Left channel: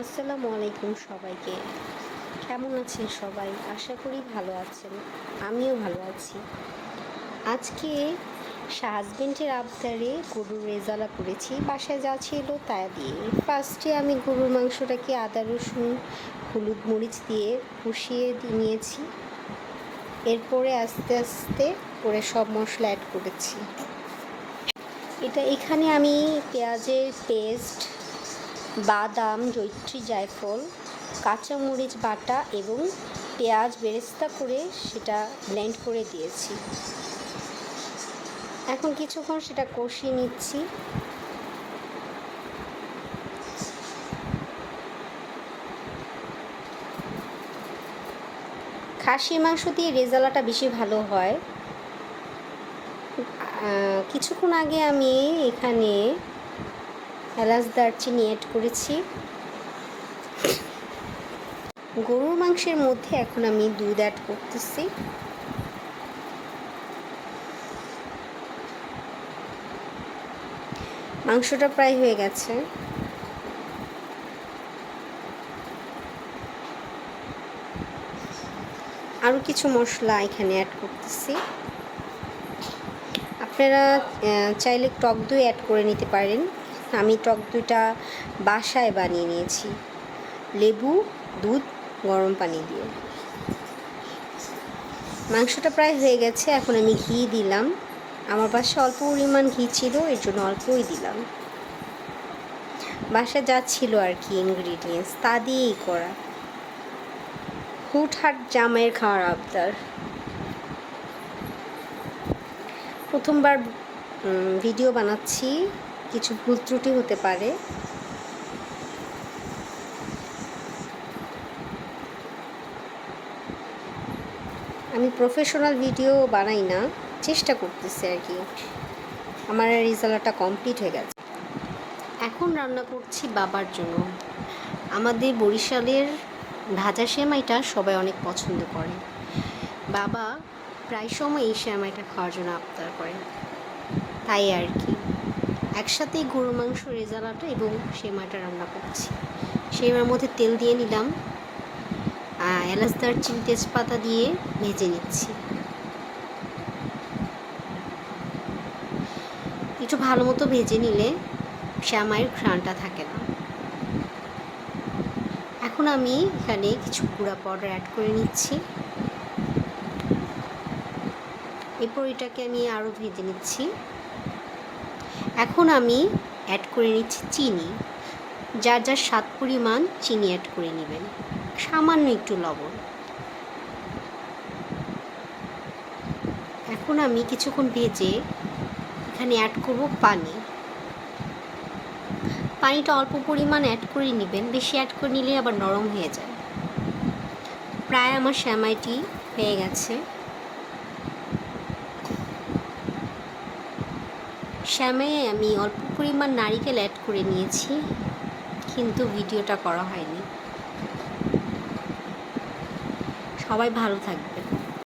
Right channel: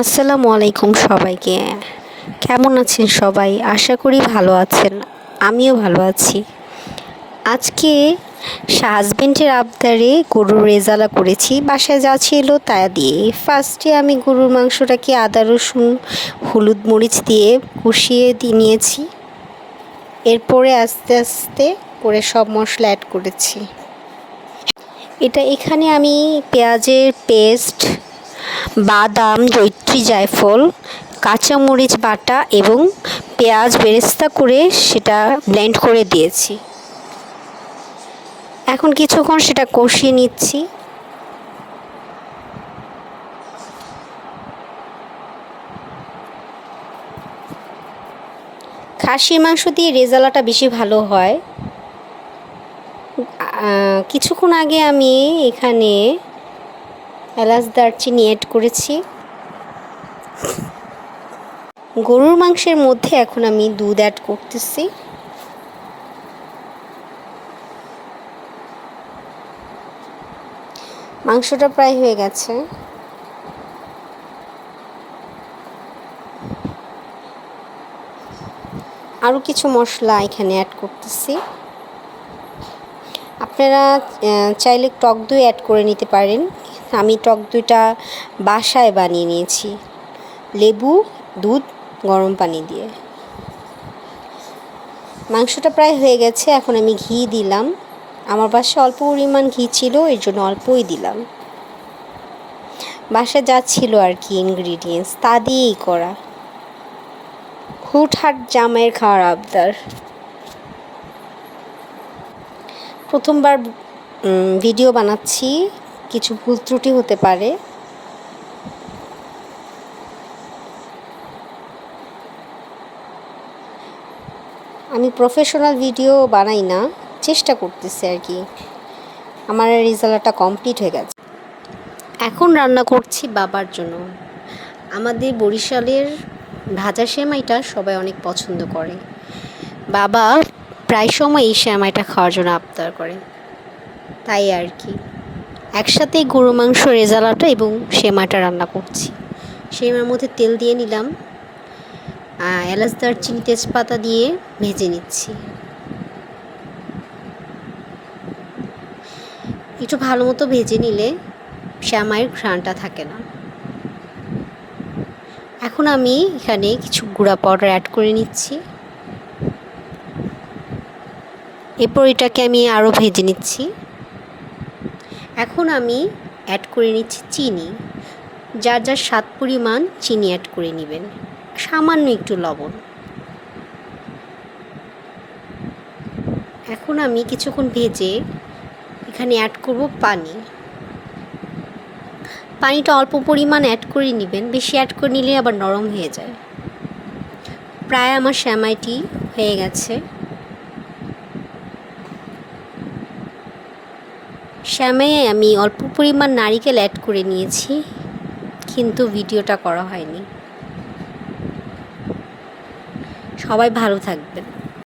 আসসালামু আলাইকুম সবাইকে। কেমন আছেন সবাই? আশা করি ভালো আছেন। আমিও ভালো আছি। আজকে হাজবেন্ডের আবদারে গরুর রেজালা করেছি। বাসায় যা ছিল তা দিয়ে ফার্স্টে আমি গরুর মাংসটাকে আদা রসুন হলুদ মরিচ দিয়ে কষিয়ে নিয়েছি। এরপরে আস্তে আস্তে করে সব মশলা অ্যাড করেছি। এখানে আমি পেঁয়াজের পেস্ট, বাদাম, জয়িত্রী, জায়ফল, কাঁচামরিচ বাটা এবং পেঁয়াজ বেরেস্তা করে সেটা ব্লেন্ড করে দিয়েছি। এখন কিছুক্ষণ সেটা কষিয়ে নিচ্ছি। খাসির মাংস দিয়ে রেজালাটা বেশি ভালো হয়। কিছুক্ষণ আগে আমি এখানে এলাচ দারচিনি অ্যাড করেছি। গরুর মাংসের মধ্যে এখন আমি দুধ অ্যাড করতেছি। মাংসটা প্রায় হয়ে গেছে। আরও কিছু মশলা এখানে অ্যাড করতেছি। আপনারা চাইলে টক দই অ্যাড করে নিতে পারেন। আমি টক দইটা বাসায় বানিয়ে নিয়েছি, লেবু, দুধ, গরম পানি দিয়ে। মাংসটা প্রায় হয়ে গেছে। এখন আমি ঘি দিলাম। আমার বাসায় অল্প পরিমাণ ঘি ছিল, এর জন্য অল্পই দিলাম। বাসায় যা ছিল আর কি ইনগ্রিডিয়েন্টস তা দিয়েই করা। হুটহাট জামাইয়ের খাওয়ার আবদার। প্রথমবার ভিডিও বানাচ্ছি, কিছু ভুল ত্রুটি হতে পারে। আমি প্রফেশনাল ভিডিও বানাই না, চেষ্টা করতেছি আর কি। আমার রেজাল্টটা কমপ্লিট হয়ে গেছে। এখন রান্না করছি বাবার জন্য। আমাদের বরিশালের ভাজা সেমাইটা সবাই অনেক পছন্দ করে। বাবা প্রায় সময় এই সেমাইটা খাওয়ার জন্য আবদার করে, তাই আর কি একসাথেই গরু মাংস, রেজালাটা এবং সেমাইটা রান্না করছি। সেমাইয়ের মধ্যে তেল দিয়ে নিলাম, এলাচ দারচিনি তেজপাতা দিয়ে ভেজে নিচ্ছি। একটু ভালো মতো ভেজে নিলে সেমাইয়ের ঘ্রাণটা থাকে না। এখন আমি এখানে কিছু গুঁড়া পাউডার অ্যাড করে নিচ্ছি। এরপর এটাকে আমি আরও ভেজে নিচ্ছি। এখন আমি অ্যাড করে নিচ্ছি চিনি। যার যার স্বাদ পরিমাণ চিনি অ্যাড করে নেবেন, সামান্য একটু লবণ। এখন আমি কিছুক্ষণ ভেজে এখানে অ্যাড করব পানি। পানিটা অল্প পরিমাণ অ্যাড করে নেবেন, বেশি অ্যাড করে নিলে আবার নরম হয়ে যায়। প্রায় আমার সেমাইটি হয়ে গেছে। সেমাইয়ে আমি অল্প পরিমাণ নারিকেল অ্যাড করে নিয়েছি, কিন্তু ভিডিওটা করা হয়নি। সবাই ভালো থাকবেন।